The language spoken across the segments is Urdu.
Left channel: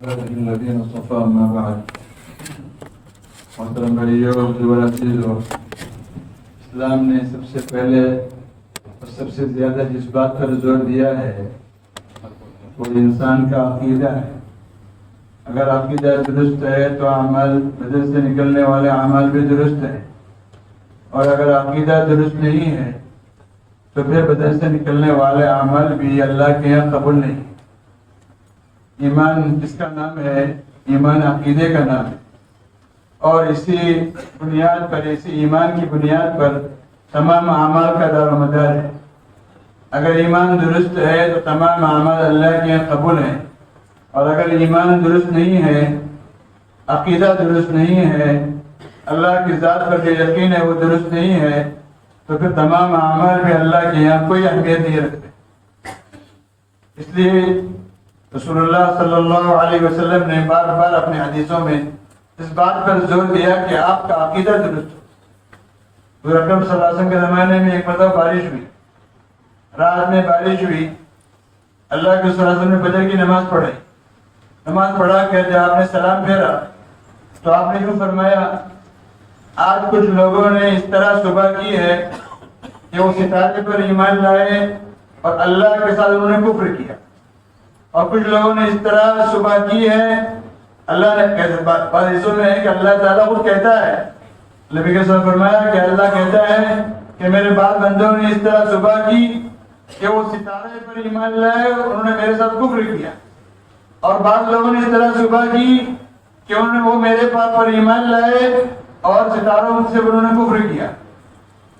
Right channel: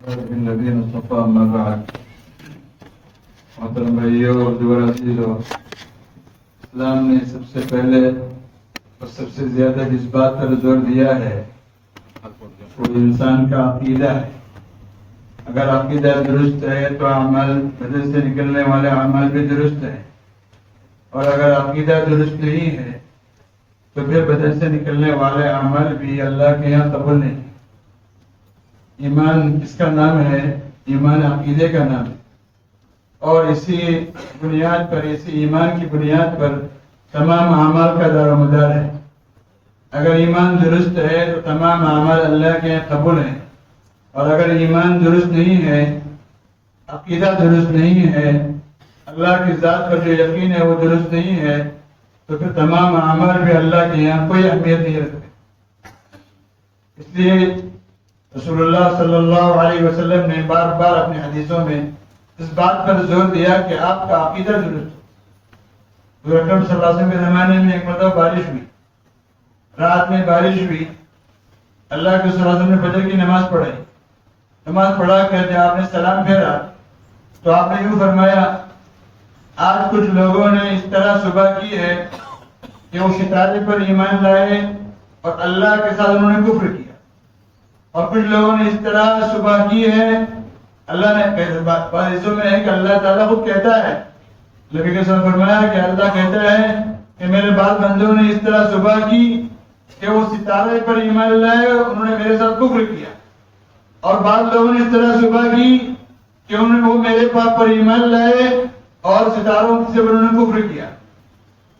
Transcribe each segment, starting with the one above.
الذين اصطفى أما بعد محترم بھائیو اور دیگر عزیزو، اسلام نے سب سے پہلے اور سب سے زیادہ جس بات پر زور دیا ہے وہ انسان کا عقیدہ ہے۔ اگر عقیدہ درست ہے تو اعمال بدن سے نکلنے والے اعمال بھی درست ہیں، اور اگر عقیدہ درست نہیں ہے تو پھر بدن سے نکلنے والے اعمال بھی اللہ کے یہاں قبول نہیں۔ ایمان جس کا نام ہے، ایمان عقیدے کا نام ہے، اور اسی بنیاد پر، اسی ایمان کی بنیاد پر تمام اعمال کا دار و مدار ہے۔ اگر ایمان درست ہے تو تمام اعمال اللہ کے یہاں قبول ہیں، اور اگر ایمان درست نہیں ہے، عقیدہ درست نہیں ہے، اللہ کی ذات پر جو یقین ہے وہ درست نہیں ہے، تو پھر تمام اعمال بھی اللہ کے یہاں کوئی اہمیت نہیں رکھتے۔ اس لیے رسول اللہ صلی اللہ علیہ وسلم نے بار بار اپنے حدیثوں میں اس بات پر زور دیا کہ آپ کا عقیدہ درست ہو۔ حضور اکرم صلی اللہ علیہ وسلم کے زمانے میں ایک مرتبہ بارش ہوئی، رات میں بارش ہوئی، اللہ کے صلی اللہ علیہ وسلم نے فجر کی نماز پڑھی، نماز پڑھا کہ جب آپ نے سلام پھیرا تو آپ نے یوں فرمایا، آج کچھ لوگوں نے اس طرح صبح کی ہے کہ وہ ستارے پر ایمان لائے اور اللہ کے ساتھ انہوں نے کفر کیا، اور کچھ لوگوں نے اس طرح صبح کی ہے، اللہ نے بعض حصوں میں ہے کہ اللہ تعالیٰ خود کہتا ہے، نبی کے ساتھ فرمایا کہ اللہ کہتا ہے کہ میرے بعض بندوں نے اس طرح صبح کی کہ وہ ستارے پر ایمان لائے، انہوں نے میرے ساتھ کفر کیا، اور بعض لوگوں نے اس طرح صبح کی کہ وہ میرے پاک پر ایمان لائے اور ستاروں سے انہوں نے کفر کیا۔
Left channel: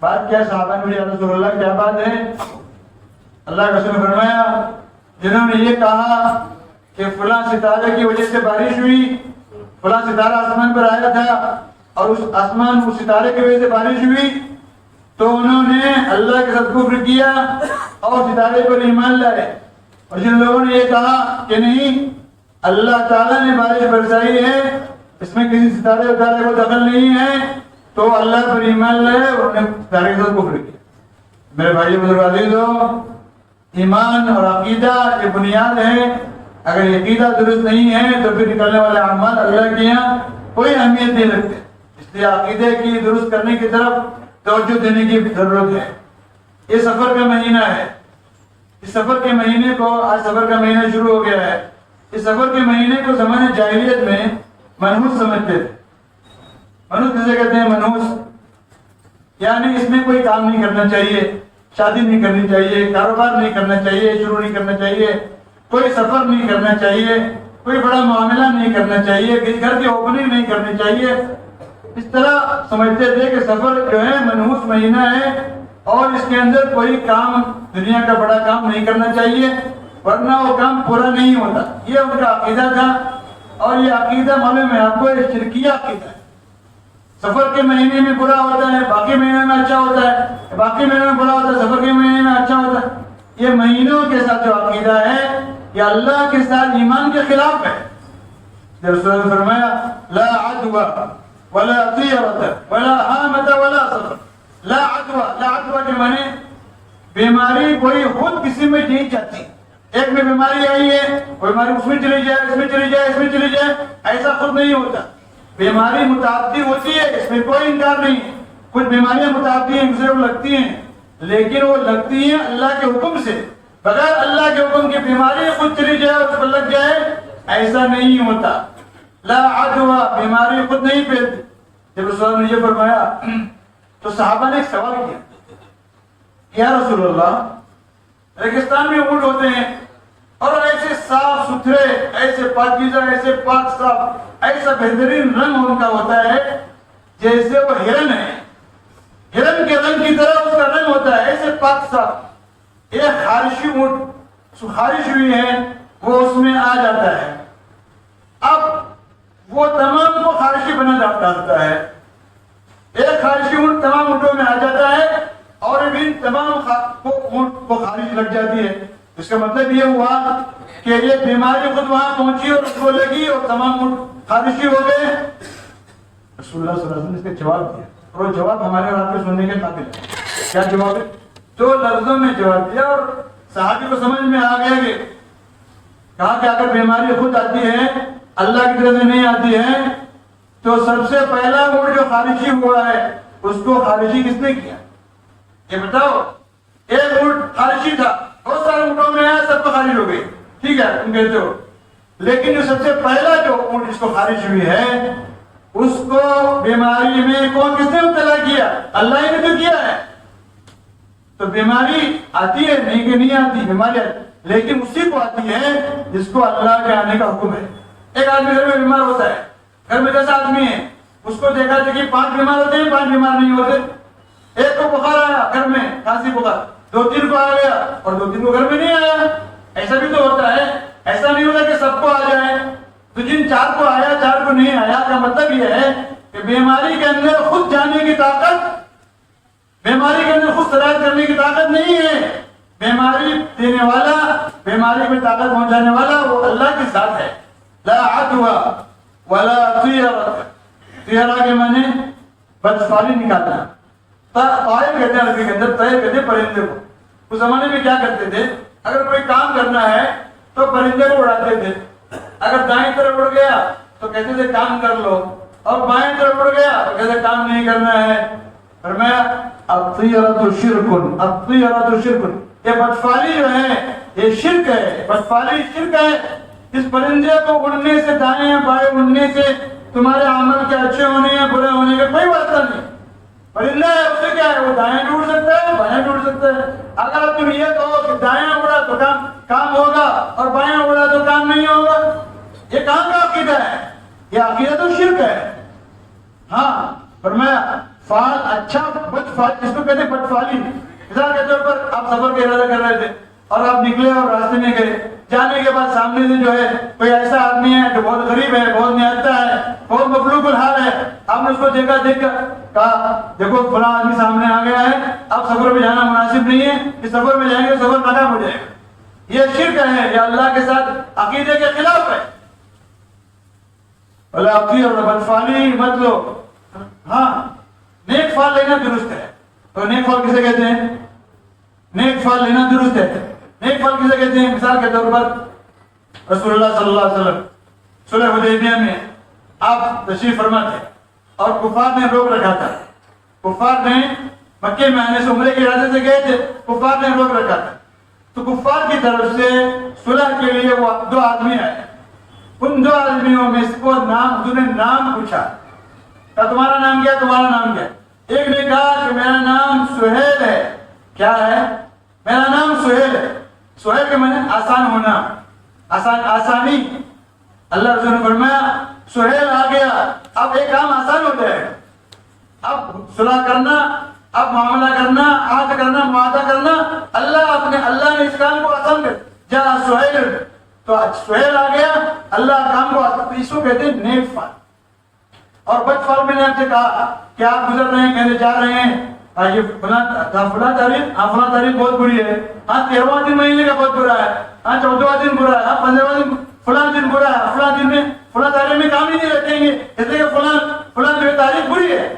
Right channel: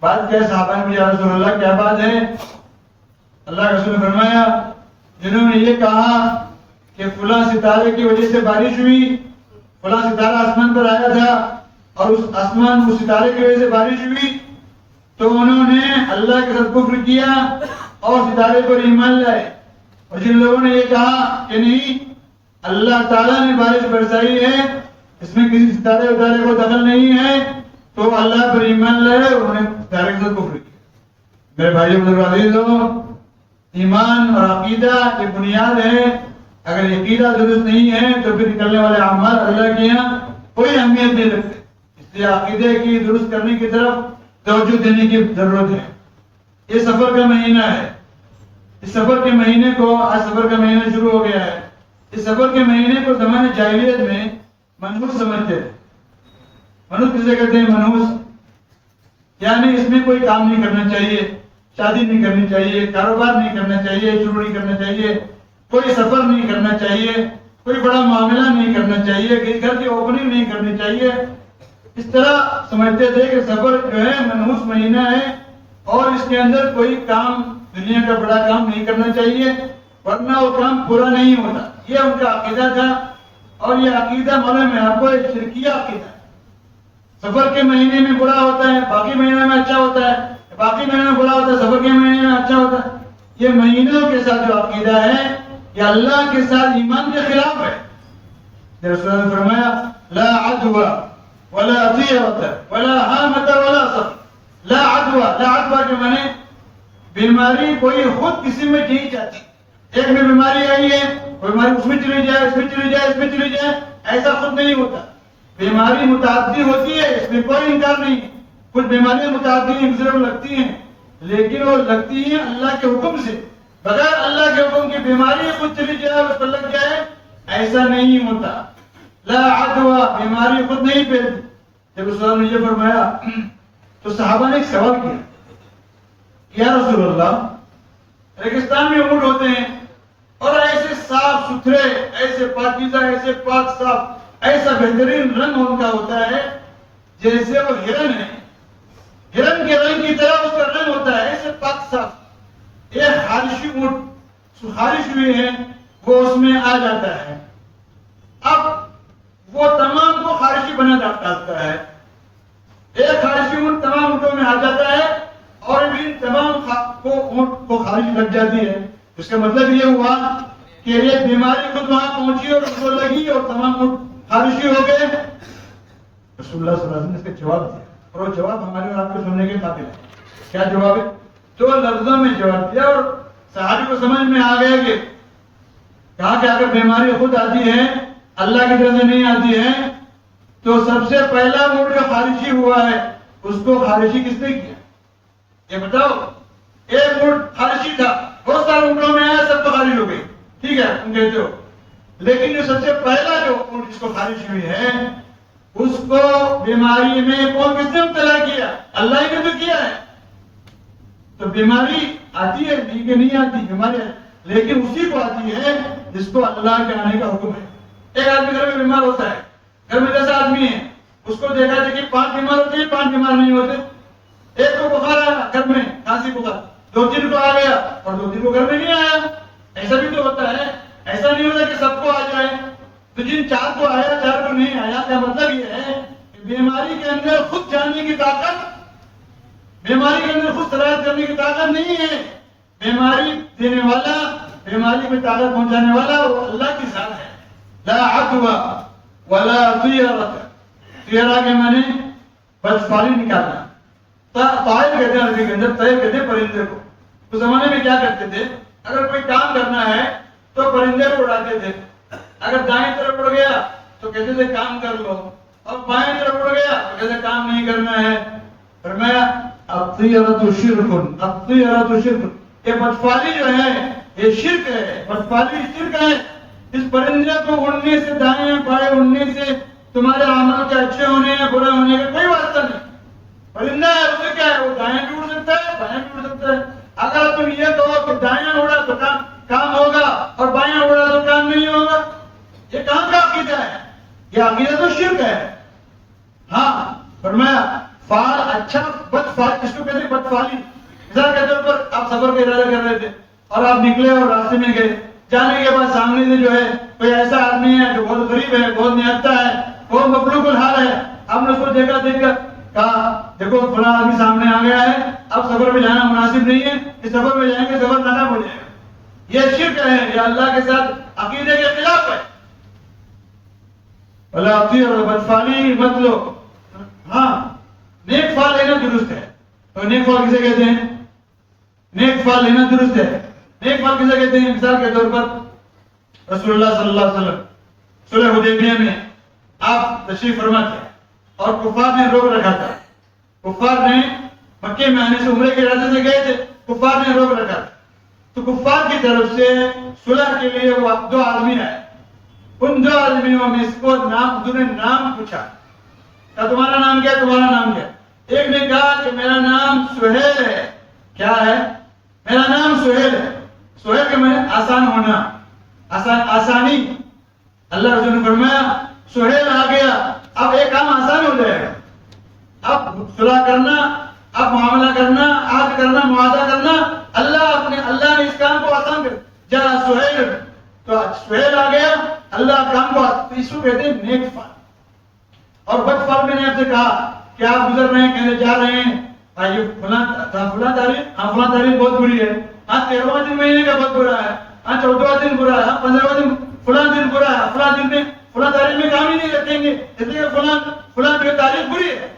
بات کیا؟ صحابہ نے یا رسول اللہ کیا بات ہے؟ اللہ کے رسول نے فرمایا، جنہوں نے یہ کہا کہ فلاں ستارے کی وجہ سے بارش ہوئی، فلاں ستارہ آسمان پر آیا تھا اور اس ستارے کی وجہ سے بارش ہوئی، تو انہوں نے اللہ کے ساتھ کفر کیا اور ستارے پر ایمان لائے۔ اور جن لوگوں نے یہ کہا کہ نہیں، اللہ تعالیٰ نے بارش برسائی ہے، اس میں کسی ستارے کو دخل نہیں ہے، تو اللہ پر ایمان لائے اور انہوں نے ستارے کے ساتھ کفر کیا۔ میرے بھائی بزرگ عزیزوں، ایمان اور عقیدہ یہ بنیاد ہے۔ اگر عقیدہ درست نہیں ہے تو پھر نکلنے والے اعمال اللہ کے یہاں کوئی اہمیت نہیں رکھتے۔ اس لیے عقیدے کی درست کرنے کی طرف توجہ دینے کی ضرورت ہے۔ یہ سفر کا مہینہ ہے، اس سفر کے مہینے کو، آج سفر کا مہینہ شروع ہو گیا ہے، اس سفر کے مہینے کو زمانے جاہلیت میں منحوس سمجھتے تھے۔ منحوس کسے کہتے ہیں؟ منحوس یعنی اس میں کوئی کام نہیں کرنا چاہیے، شادی نہیں کرنی چاہیے، کاروبار نہیں کرنا چاہیے، شروع نہیں کرنا چاہیے، کوئی سفر نہیں کرنا چاہیے، کوئی بڑا معاملہ نہیں کرنا چاہیے، کسی گھر کی اوپننگ نہیں کرنی چاہیے۔ اس طرح سمجھتے تھے کہ سفر جو ہے منحوس مہینہ ہے اور اس کے اندر کوئی کام، دنیا کا بڑا کام نہیں کرنا چاہیے، ورنہ وہ کام پورا نہیں ہوتا۔ یہ ان کا عقیدہ تھا، اور یہ عقیدہ معلوم ہے آپ کو ایک شرکیہ عقیدہ ہے۔ سفر کے مہینے میں برا ہوتا ہے، باقی مہینے میں اچھا ہوتا ہے، باقی مہینے میں برا ہوتا ہے، سفر کے مہینے میں اچھا ہوتا ہے۔ یہ مہینوں کے ساتھ جو عقیدہ ہے یہ اللہ کے ساتھ ایمان کے خلاف ہے۔ رسول اللہ نے فرمایا، لا عدوى ولا طیرة ولا حامة ولا سفر۔ لا عدوى، لا عدوى کے معنی بیماری کوئی خود کسی میں نہیں چاہتی۔ ایک میں بیماری آئی ہے، کوئی بیماری اس میں چلی جائے، اس میں چلی جائے، اس میں چلی جائے، ایسا خود نہیں ہوتا۔ بیماری متعدی ہوتی ہے، اس میں کوئی انکار نہیں ہے۔ کچھ بیماریاں متعدی ہیں، دوسرے کو لگتی ہیں، لیکن وہ لگتی ہیں اللہ کے حکم سے۔ بغیر اللہ کے حکم کی بیماری خود چلی جائے اور اس پر لگ جائے، ایسا نہیں ہوتا۔ لا عدوى، بیماری خود نہیں پھیلتی۔ جب رسول اللہ نے یہ فرمایا تو صحابہ نے ایک سوال کیا، یا رسول اللہ، ریگستان میں اونٹ ہوتے ہیں اور ایسے صاف ستھرے، ایسے پاکیزہ، ایسے پاک صاف، ایسا بہترین رنگ ان کا ہوتا ہے جیسے وہ ہرن ہے، ہرن کے رنگ کی طرح اس کا رنگ ہوتا ہے، ایسے پاک صاف۔ ایک خارشی اونٹ خارش ہوئی ہے، وہ اس میں آ جاتا ہے، اب وہ تمام کو خارشی بنا ڈالتا ہے۔ ایک خارشی اونٹ تمام اونٹوں میں آ جاتا ہے اور بھی تمام اونٹ کو خارش لگ جاتی ہے۔ اس کا مطلب یہ ہوا کہ یہ بیماری خود وہاں پہنچی اور اس کو لگی اور تمام اونٹ خارشی ہو گئے۔ رسول اللہ صلی اللہ علیہ وسلم نے اس کا جواب دیا، اور وہ جواب ہمارے اور آپ کے سننے کے قابل ہے۔ کیا جواب ہے؟ دو لفظوں میں جواب دیا، اور صحابی کو سمجھ میں آ گیا کہ کہا کہ اگر بیماری خود آتی ہے اللہ کی طرف سے نہیں آتی ہے تو سب سے پہلا موڈ جو خارجی ہوا ہے اس کو خارجی کس نے کیا؟ یہ بتاؤ. ایک موڈ خارجی تھا، بہت سارے موڈوں میں آیا، سب کو خارج ہو گئی، ٹھیک ہے تم کہتے ہو، لیکن جو سب سے پہلا جو موڈ جس کو خارج ہوئی ہے اس کو بیماری میں کون کس نے مبتلا کیا؟ اللہ ہی نے تو کیا ہے. تو بیماری آتی ہے نہیں کہ نہیں آتی، بیماری آتی لیکن اسی کو آتی ہے جس کو اللہ کے آنے کا حکم ہے. ایک آدمی گھر میں بیمار ہوتا ہے، گھر میں 10 آدمی ہیں، اس کو دیکھا کہ 5 بیمار ہوتے ہیں، 5 بیمار نہیں ہوتے. ایک کو بخار آیا گھر میں، کھانسی بخار، 2-3 کو آ گیا اور 2-3 کو گھر میں نہیں آیا. ایسا بھی تو ہوتا ہے، ایسا نہیں ہوتا کہ سب کو آ جائے. تو جن 4 کو آیا 4 کو نہیں آیا کا مطلب یہ ہے کہ بیماری کے اندر خود جانے کی طاقت، بیماری کے اندر خود سرایت کرنے کی طاقت نہیں ہے. بیماری دینے والا، بیماری میں طاقت پہنچانے والا وہ اللہ کی ذات ہے. لا عدوى ولا طیرۃ. طیرہ کے معنی بدفعلی نکالنا. طائر کہتے ہیں عربی کے اندر، طیر کہتے ہیں پرندے کو. اس زمانے میں کیا کرتے تھے، اگر کوئی کام کرنا ہے تو پرندے کو اڑاتے تھے. اگر دائیں طرف اڑ گیا تو کہتے تھے کام کر لو، اور بائیں طرف اڑ گیا تو کہتے کام نہیں کرنا ہے. فرمایا الطیرۃ شرک، الطیرۃ شرک، یہ بدفعلی جو ہے یہ شرک ہے، بدفعلی شرک ہے. اس پرندے کو اڑنے سے، دائیں بائیں اڑنے سے تمہارے عمل کے اچھے ہونے یا برے ہونے کا کوئی واسطہ نہیں. پرندہ ہے، اس سے کیا ہے، وہ دائیں بھی اڑ سکتا ہے، بائیں بھی اڑ سکتا ہے. اگر تم یہ کہو کہ دائیں اڑا تو کام ہوگا اور بائیں اڑا تو کام نہیں ہوگا، یہ کہاں کا عقیدہ ہے؟ یہ عقیدہ تو شرک ہے. ہاں فرمایا فعال اچھا، بدفعل اس کو کہتے ہیں بدفعلی. مثال کے طور پر آپ سفر کا ارادہ کر رہے تھے اور آپ نکلے اور راستے میں گئے، جانے کے بعد سامنے سے جو ہے کوئی ایسا آدمی ہے جو بہت غریب ہے، بہت نیافتہ ہے، بہت مفلوق الحال ہے. آپ نے اس کو دیکھا، دیکھ کر کہا دیکھو فلاں آدمی سامنے آ گیا ہے، اب سفر میں جانا مناسب نہیں ہے، اس سفر میں جائیں گے سفر ناکام ہو جائے گا. یہ شرک ہے، یہ اللہ کے ساتھ عقیدے کے خلاف ہے. اور بدفعلی مت لو. ہاں نیک فال لینا درست ہے. تو نیک فال کسے کہتے ہیں؟ نیک فال لینا درست ہے. نیک فال کسے کہتے ہیں؟ مثال کے طور پر رسول اللہ صلی اللہ علیہ وسلم صلح حدیبیہ میں آپ تشریف فرما تھے اور کفار نے روک رکھا تھا. کفار نے مکے میں آنے سے، عمرے کے ارادے سے گئے تھے، کفار نے روک رکھا تھا. تو کفار کی طرف سے صلح کے لیے وہ 2 آدمی آئے. ان 2 آدمیوں میں اس کو حضور نے نام پوچھا، کہا تمہارا نام کیا، تمہارا نام کیا؟ ایک نے کہا کہ میرا نام سہیل ہے. کیا ہے؟ میرا نام سہیل ہے. سہیل کے معنی آسان ہونا، آسانی. اللہ رسول نے فرمایا سہیل آ گیا، اب ایک کام آسان ہو جائے گا. اب صلح کرنا، اب معاملہ کرنا، عہد کرنا، معاہدہ کرنا، اللہ نے اس کام کو آسان کر دیا. جا سہیل، تو سہیل آ گیا، اللہ کام کو. اس کو کہتے ہیں نیک فال. اور بد فال میں نے آپ سے کہا کہ آپ گزر رہے ہیں، کہتے جا رہے ہیں، یہ فلاں تاریخ بہت بری ہے، 13واں دن مہینے کا بہت برا ہے، 14واں دن برا ہے، 15واں دن فلاں دن برا ہے، فلاں دن میں فلاں تاریخ میں کام ہی نہیں رکھیں گے اس لیے فلاں جو تاریخ بری ہے.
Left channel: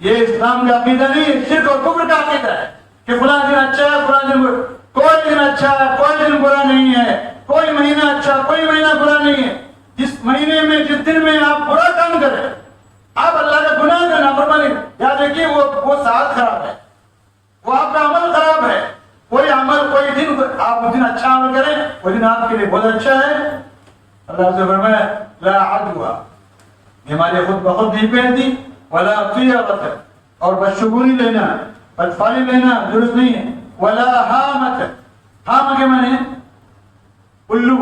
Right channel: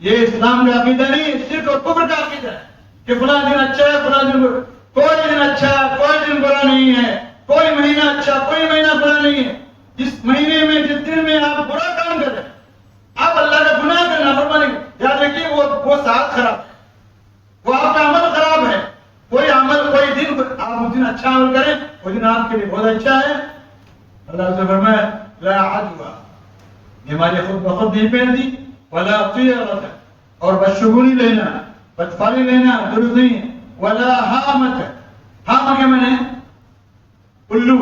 یہ اسلام کا عقیدہ نہیں، شرک اور کفر کا عقیدہ ہے کہ فلاں دن اچھا ہے، فلاں دن برا. کوئی دن اچھا، کوئی دن برا نہیں ہے، کوئی مہینہ اچھا، کوئی مہینہ برا نہیں ہے. جس مہینے میں، جس دن میں آپ برا کام کریں، آپ اللہ کا گناہ کرنا فرمانے، یاد رکھیے وہ ساتھ خراب ہے، وہ آپ کا عمل خراب ہے. کوئی عمل، کوئی دن آپ اس دن اچھا عمل کریں، وہ دن آپ کے لیے بہت اچھا ہے. اللہ سے فرمایا لا عدوى، بیماری خود بخود نہیں پھیلتی. ولا طیرۃ، اور بدشگونی لینا، بدفعلی لینا درست نہیں ہے. ولا حامۃ، حام کے معنی الو.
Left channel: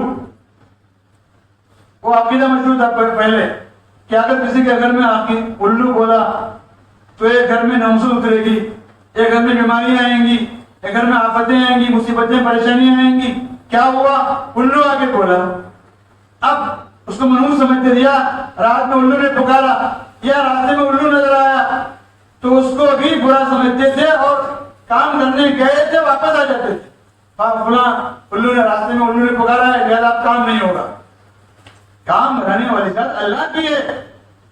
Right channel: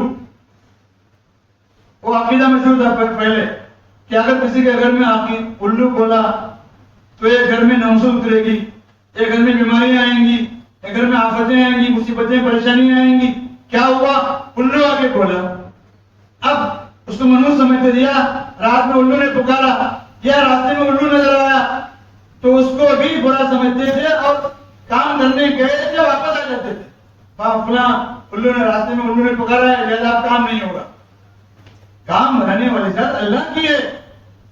وہ عقیدہ مشہور تھا پہلے کہ اگر کسی کے گھر میں الو بولا تو ایک گھر میں نوسو اترے گی، ایک گھر میں بیماریاں آئیں گی، ایک گھر میں آفتیں آئیں گی، مصیبتیں، پریشانیاں آئیں گی. کیا ہوا؟ الو آ کے بولا. اب اس کو منحوس سمجھتے دیا، رات میں الو نے پکارا یا راستے میں الو نظر آیا تو اس کو بھی برا سمجھتے تھے اور کام کرنے گئے تھے واپس آ جاتے تھے. فلاں الو نے راستے میں الو نے پکارا ہے لہذا اب کام نہیں ہوگا. کام بنانے والی ذات اللہ کی ہے،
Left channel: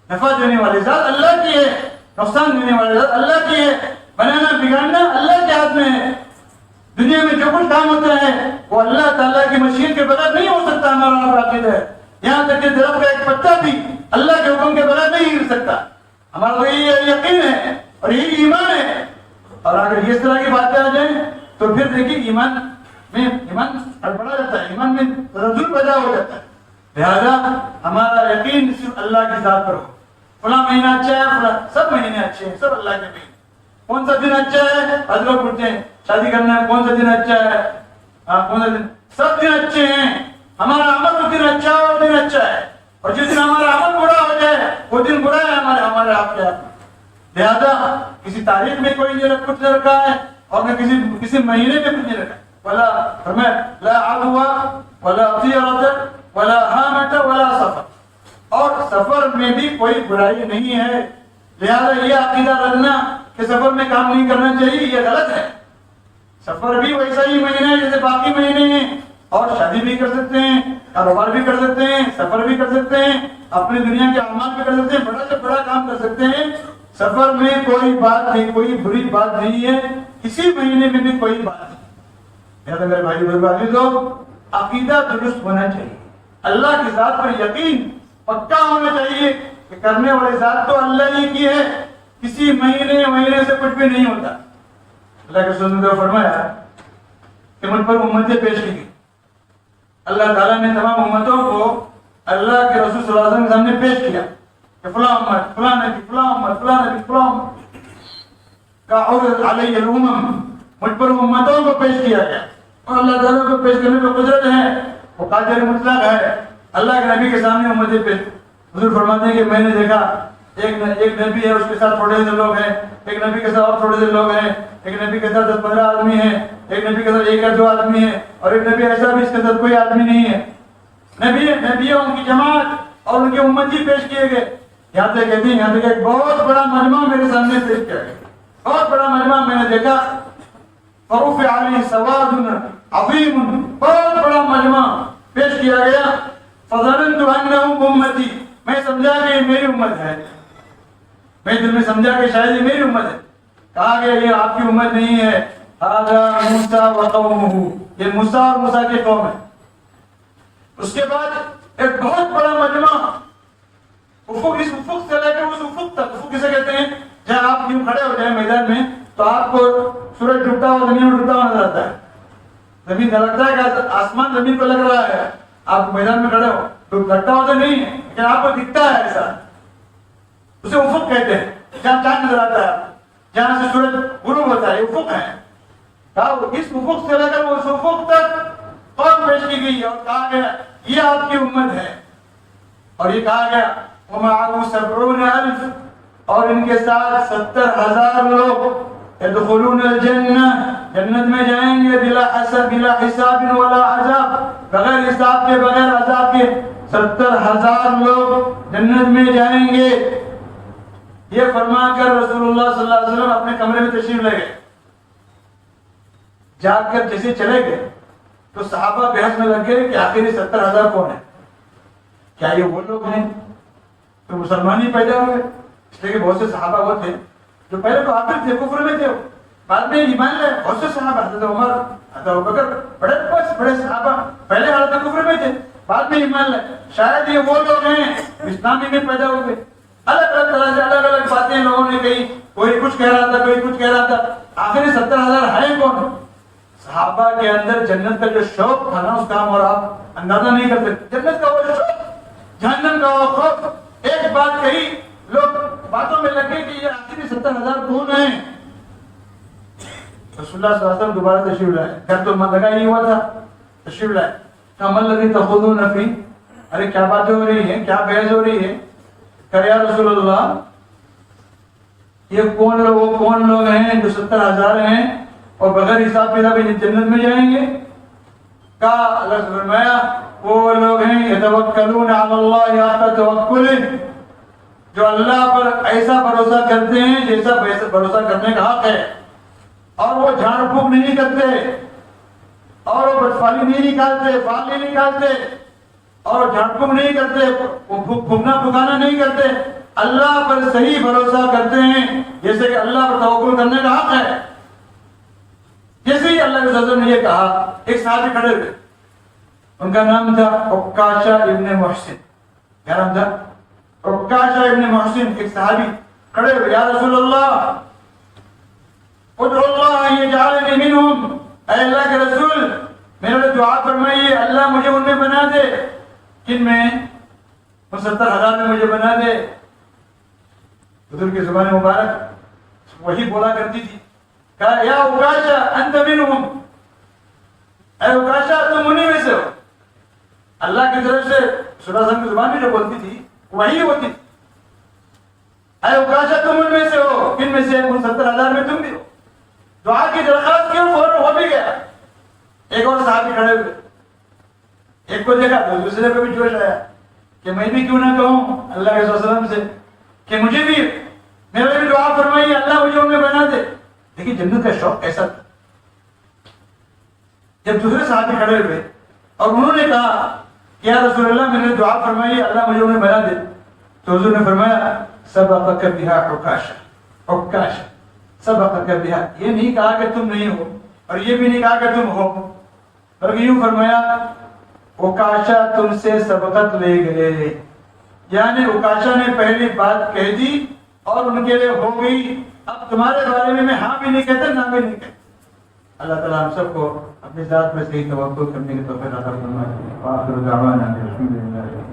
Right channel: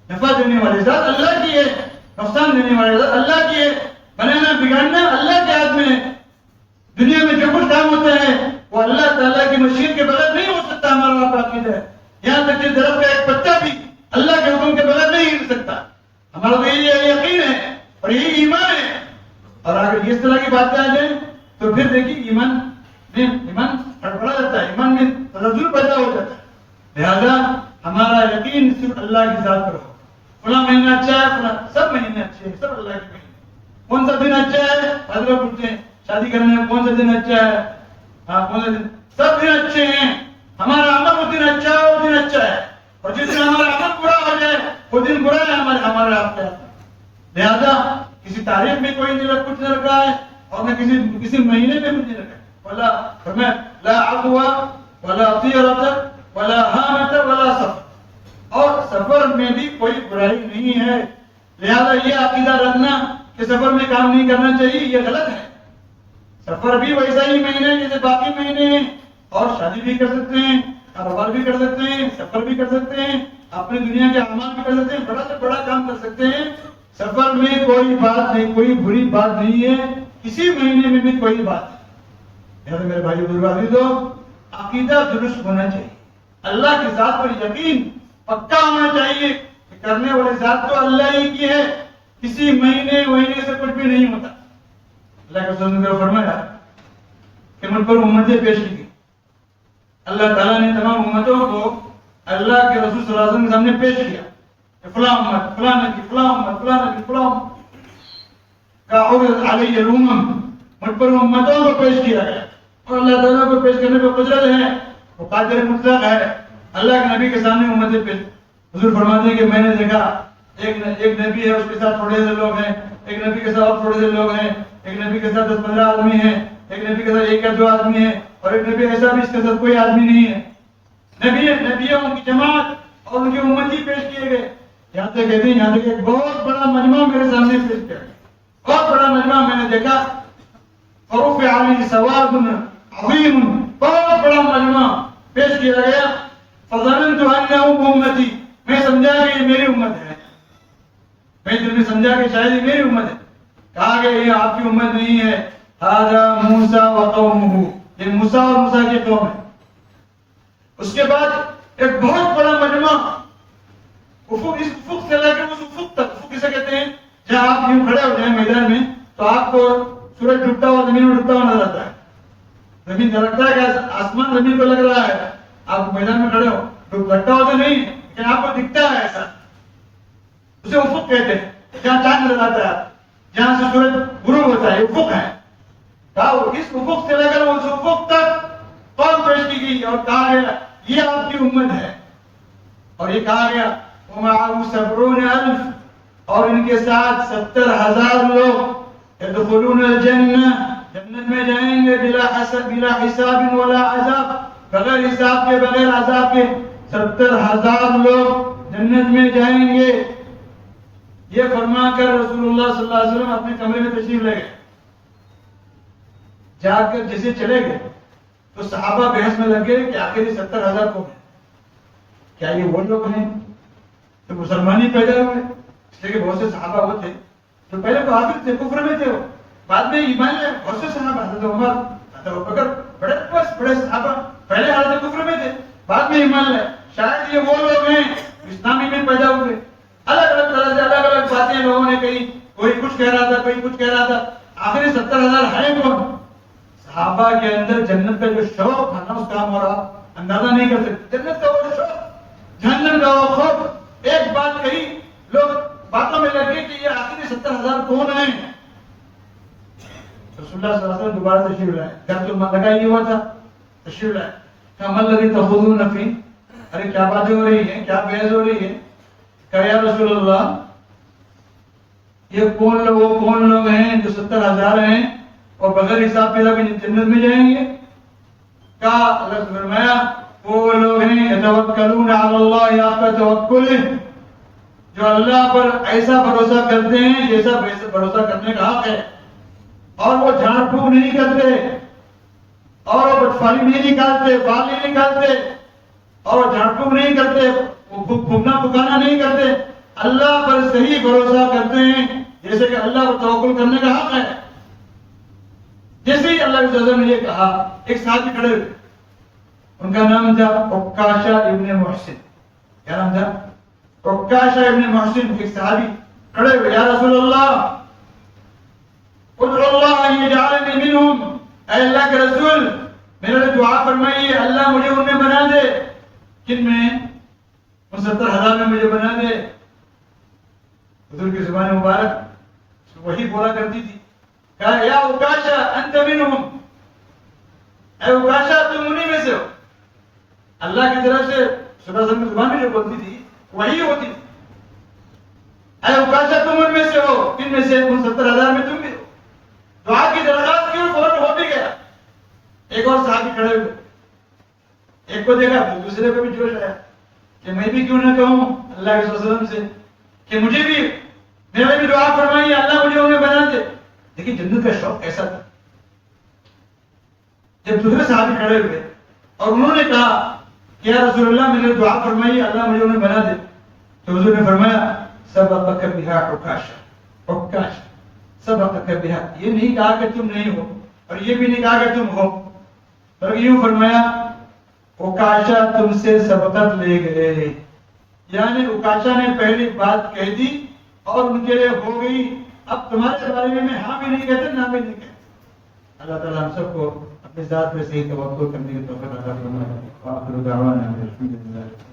نفع دینے والی ذات اللہ کی ہے، نقصان دینے والی ذات اللہ کی ہے. بنانا بگاڑنا اللہ کے ہاتھ میں ہے. دنیا میں جو کچھ کام ہوتا ہے وہ اللہ تعالیٰ کی مشیت کے بغیر نہیں ہو سکتا. ہمارا آپ عقیدہ ہے. یہاں تک کہ درخت کا ایک پتا بھی اللہ کے حکم کے بغیر نہیں ہل سکتا. ہمارا تو یہی یقین ہے اور یہی ایمان ہے. اور اگر اس طرح کی باتیں آ جائیں تو پھر دیکھیے ایمان ہڑبڑا جاتا ہے, ایمان میں تنزل پیدا ہو جاتا ہے. لہذا ہمارا یقین صرف اللہ کی ذات پر ہو. فلاں مہینہ اچھا ہے, فلاں سب مہینے اچھے ہیں, سب اللہ کے مہینے. کون سا دن اچھا ہے, آج لوگ پوچھتے ہیں شادی کرنا ہے کون سا دن اچھا ہے, کون سا دن, سب دن اچھے ہیں. ہمارا عمل اس دن اچھا ہے, وہ دن اچھا ہے. اور جس دن ہمارا عمل برا ہو جائے وہ دن برا ہے ہمارے آپ کے ہاتھ. لہذا کسی تاریخ میں کوئی نہیں کچھ نہیں رکھا ہے اور نہ کسی مہینے میں کچھ نہیں رکھا ہے. ولا فرمایا لا عدوى ولا طيرة ولا هامة ولا سفر, اور سفر میں بھی کوئی برائی نہیں ہے. لہذا یہ عقیدہ رکھنا کہ سفر میں کام نہیں کرنا چاہیے یہ غلط ہے. سفر بھی ویسا ہی مہینہ ہے جیسے باقی مہینے ہیں, اور شادی بھی کر سکتے ہیں, کاروبار بھی کر سکتے ہیں, سفر بھی کر سکتے ہیں, اپنی دنیا کے اعمال بھی کر سکتے ہیں, بڑا سے بڑا کام کر سکتے ہیں. سفر میں کوئی بات نہیں, کوئی بری بات نہیں ہے, کسی مہینے میں بھی کوئی بات نہیں. لہذا میرے بھائی بزرگ تو عقیدہ درست ہونا چاہیے. اللہ کی ذات پر یقین پکا ہونا چاہیے کہ کرنے والی ذات تو اللہ ہی کی ہے, کسی مہینے سے کچھ بھی نہیں ہوتا. اللہ کے رسول نے فرمایا کہ من پر امتیں پیش کی گئی. اللہ تعالیٰ نے تمام امتوں کو اللہ کے رسول صلی اللہ علیہ وسلم کے سامنے پیش کیا کہ فلاں امت, فلاں نبی, فلاں امت, فلاں نبی, فلاں امت کا عرض علیہ الامم, مجھ پر امتوں کو پیش کیا گیا. اور اللہ تعالیٰ کو پیش کرنے پر قدرت ہے, وہ قادر مطلق ہے. اللہ کے نبی کے سامنے امتیں پیش. حضور فرماتے ہیں کہ میں نے دیکھا ایک نبی ہے, اس کے ساتھ تھوڑے سے لوگ ہیں, ایک نبی کے ساتھ اور تھوڑے سے لوگ ہیں, ایک نبی کے ساتھ 10-15 آدمی ہیں, ایک نبی کے ساتھ 1 یا 2 آدمی ہیں, اور ایک نبی ایسا بھی اس کے ساتھ کوئی آدمی نہیں ہے. نبی ان کی جماعت اور ان کے امتی پیش کیے گئے. یہاں تک کہتے ہیں یہاں تک ایک بہت بڑا مجمع میرے سامنے پیش کیا گیا, بہت بڑا مجمع میں نے دیکھا. فرفع علی سواد عظیم, بہت بڑا مجمع پیش کیا گیا. فظننت انه امتی, میں سمجھا کہ یہ میری امت ہے, میں دل میں سمجھا کہ شاید یہ میری امت ہے. کہا گیا یہ آپ کی امت نہیں ہے, ھذا موسیٰ وقومہ, یہ موسیٰ اور موسیٰ کی قوم ہے. اس کے بعد ایک بہت بڑا مجمع افق, اس افق سے لے کر اس افق تک, افق کسے کہتے ہیں جہاں آپ یوں کھڑے ہو جائیں میدان میں تو آپ کو سورج ڈوبتا ہوا زمین میں ڈوبتا ہوا نظر آتا ہے. زمین لگتا ہے کہ آسمان زمین کو لگ رہا ہے, آپ میدان میں کھڑے ہو, لگتا ہوا تو نہیں لیکن آپ کو دکھتا ہے ایسا, اسے افق کہتے ہیں. جہاں چاند نظر آتا ہے, جہاں سے سورج غروب ہوتا ہے, یہ افق ہے. کہا اس افق سے لے کر اس افق تک قوم پیش کی گئی اور کہا گیا یہ آپ کی امت ہے. اور یہ کہا گیا وَمَعَهُ 70,000, اور ان کے ساتھ 70,000 لوگ يدخلون الجنہ, جنت میں جائیں گے بلا حساب ولا عذاب, بغیر حساب کے بغیر عذاب کے 70,000 لوگ جنت میں جائیں گے. یہ فرما کر رسول اللہ صلی اللہ علیہ وسلم اپنے کمرے میں تشریف لے گئے. جا کر جیسے چلے گئے تو صحابہ بحث میں لگ گئے کہ آخر یہ 70,000 کون ہے, کیا یہ وہ لوگ ہیں تو مسلمان ہی پیدا ہوئے؟ اس لیے کہ بہت سے صحابہ وہ تھے جو پہلے کافر تھے, کفر میں تھے, بعد میں ایمان لائے. بہت سے صحابہ, حضرت عمر, حضرت ابوبکر, بڑے صحابہ پہلے حالت کفر میں تھے, بعد میں ایمان لائے. شاید یہ وہ لوگ ہیں اسلامی میں پیدا ہوئے. الگ الگ طرح سے الگ الگ باتیں لوگوں نے کہی, کوئی کچھ کہہ رہا تھا, کوئی کچھ کہہ رہا تھا. آخر 70,000 ہیں کون؟ صحابہ کے اندر جنت کا جو شوق تھا نا, اس کا ہم اور آپ اندازہ نہیں کر سکتے. جنت کا وہ شوق, جہنم کا وہ خوف. ایک بات کہی, لوگ باتوں میں لگے کہ یہ آخری 70,000 کون ہیں. رسول اللہ صلی اللہ علیہ وسلم دوبارہ تشریف لائے. گھر تو من لگا ہی ہوا تھا, تشریف لائے. کہا من الذی تخوضون فی, ارے کیا باتیں ہو رہی ہیں, کیا بحث ہو رہی ہے. کہا یا رسول اللہ یہ کون لوگ ہیں جو 70,000 ہیں اور بغیر حساب کتاب کے جنت میں جائیں گے. کہا اللہ سے فرمایا وہ لوگ ہیں یتوکلون علی اللہ حق توکلہ, جو اللہ پر ایسا بھروسہ کرتے ہیں جیسا بھروسہ کرنے کا حق ہے, اور وہ جھاڑ پھونک نہیں کرتے, اور وہ بٹفالی نہیں نکالتے, بال نہیں نکالتے, اور جھاڑ پھونک نہیں کرتے, وہ پھونکنا پھکانا نہیں کرتے. اللہ پر صحیح بھروسہ کرتے ہیں جیسے کہ اللہ پر توکل کرنے کا حق ہے. جیسے ہی اللہ کے رسول نے یہ کہا، ایک صحابی کھڑے ہوئے، ان کا نام تھا عکاشہ ابن محسن. کیا نام تھا؟ عکاشہ ابن محسن. ایک صحابی کھڑے ہوئے، یا رسول اللہ ادعو اللہ ان یجعلنی منہم، اے اللہ کے رسول میرے لیے دعا فرمائیے اللہ مجھے ان میں بنا دے. کن میں؟ 69,000 میں مجھے بنا دے. حضور کی زبان مبارک وہی بولا کرتی تھی. کہا یا عکاشہ انت منہم، اے عکاشہ تم انہی میں سے ہو. اللہ کی طرف سے صلی اللہ علیہ وسلم کی زبان میں جو بولتی تھی وہی ہوتی تھی. اے عکاشہ تم ان میں سے ہو. کن میں سے؟ 69,000 میں تم بھی ہو. دعا کی درخواست کیوں؟ فوراً ہو بھی گیا. ایک اور صحابی کھڑے ہوئے، ایک کو دیکھا تو دوسرے کو بھی جوش آیا کہ میں بھی کیوں نہ کہوں اللہ کے صلی اللہ علیہ وسلم سے کہ مجھے بھی میرے لیے بھی دعا فرمائیے اللہ مجھے انہیں بنا دے. دیکھیے جنت کا شوق ایسا تھا. جب دوسرے صحابی کھڑے ہوئے اور انہوں نے کہا کہ یا رسول اللہ میرے لیے دعا فرمائیے اللہ مجھے انہیں بنا دے، تو حضور نے فرمایا سبقک بہا عکاشہ، عکاشہ سبقک بہا. یہ نہیں کہا کہ تم نہیں ہو اور یہ بھی نہیں کہا کہ تم ہو، بلکہ یوں فرمایا عکاشہ تم سے سبقت لے گئے. یعنی عکاشہ نے پہلی بات کہہ دی اور ان کے لیے ہو گئی. اب تمہارے بارے میں ہاں بھی نہیں کہتا نہ بھی نہیں کہتا. اللہ تعالیٰ ہم سب کو اپنی ذات میں صحیح توقع کرنے کی توفیق عطا فرمائے. وآخر دعوانا الحمدللہ.